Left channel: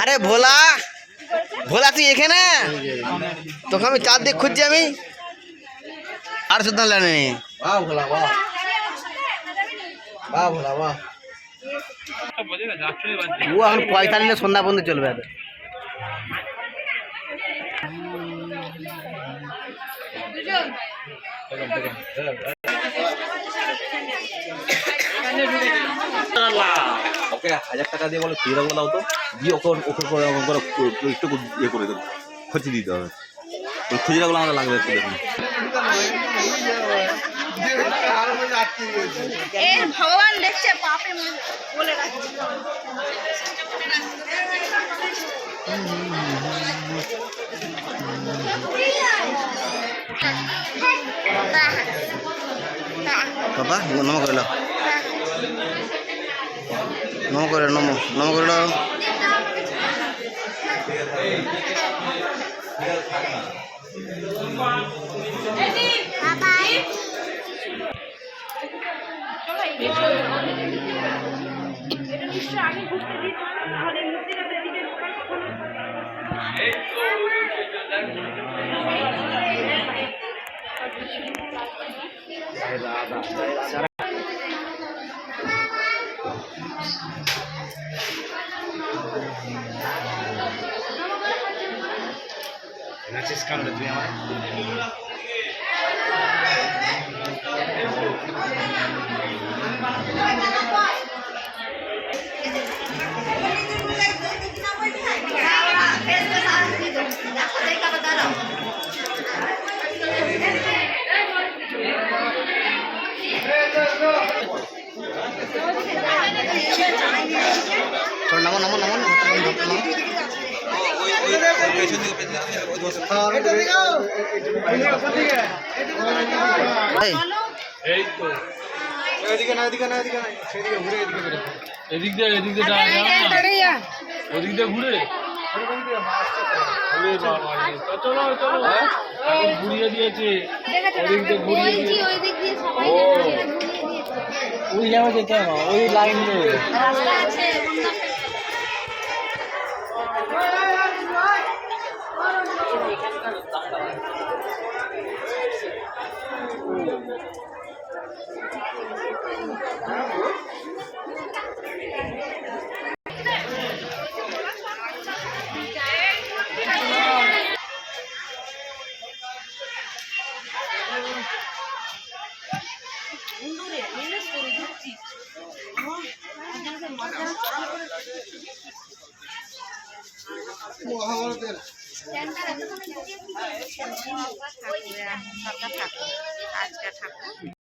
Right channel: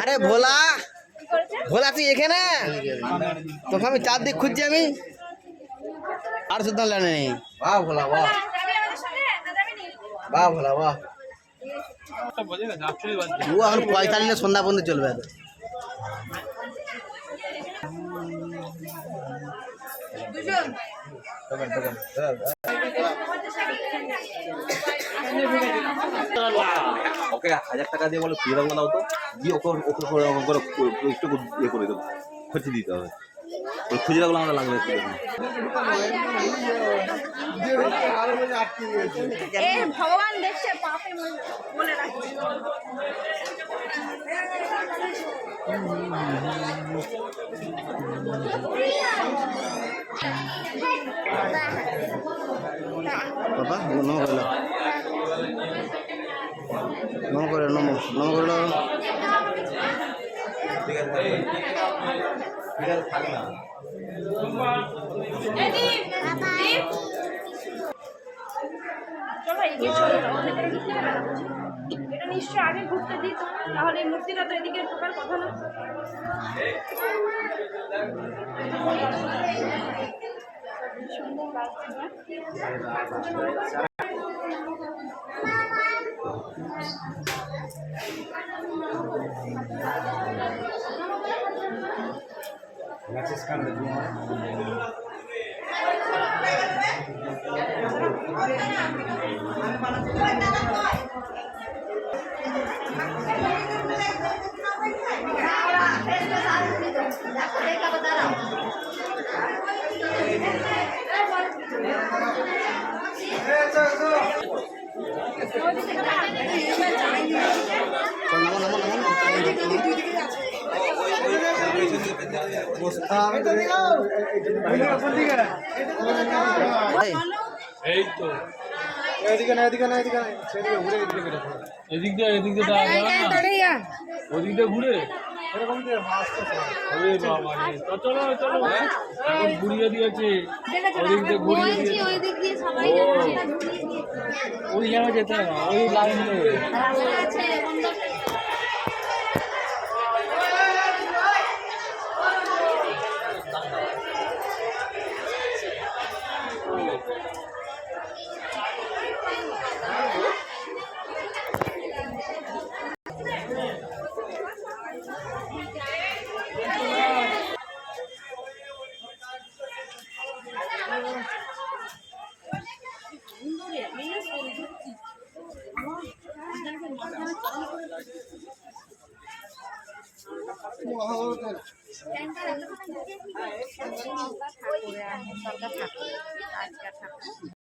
আরে ভোলা ভোলা তুই এখানে তোকে আমি চারদিক খুঁজছি আমি আর শুদ্ধ জানি বাহ ভোলা বাহ বাহ ভোলা বাহ ও এখন পয়সা নিলে সন্ধ্যা পর্যন্ত চলবে আর ওকে 1000 টাকা দিয়ে বলে তুই দাও তো দিয়ে ওকে ওকে একটু ইয়ে করে দেবো খরচি দিতে হবে ওই খুচরাগুলো আমাদের লাগবে একটু ভগবান দেখছে পাপে বলে রাখছে বাবা নম করিল নম করে নম করিল এটা নিশ্চয় আগে ঘুরতে দিত তাহলে মূর্তিটা তো এদিকে ঢোকার কথা না নাচিস কাম তুই আমার নামো নামো নামো এই তো এদিকে না এদিকে না এদিকে না সেদিকে ঘুরে এদিকে বেরো এদিক দিয়ে ওদিক দিয়ে ঘুরে ওরে বাবা চলো চলো এখন ঘুরিয়ে দিয়েছে ওদিক দিয়ে ঘুরিয়ে দিয়েছে ওই দিক দিয়ে সবাই ও ওই জায়গায় যেতে হবে ওই লাইন দিয়ে রাস্তা আছে সরকার ঠাকুর আজকে ঠাকুর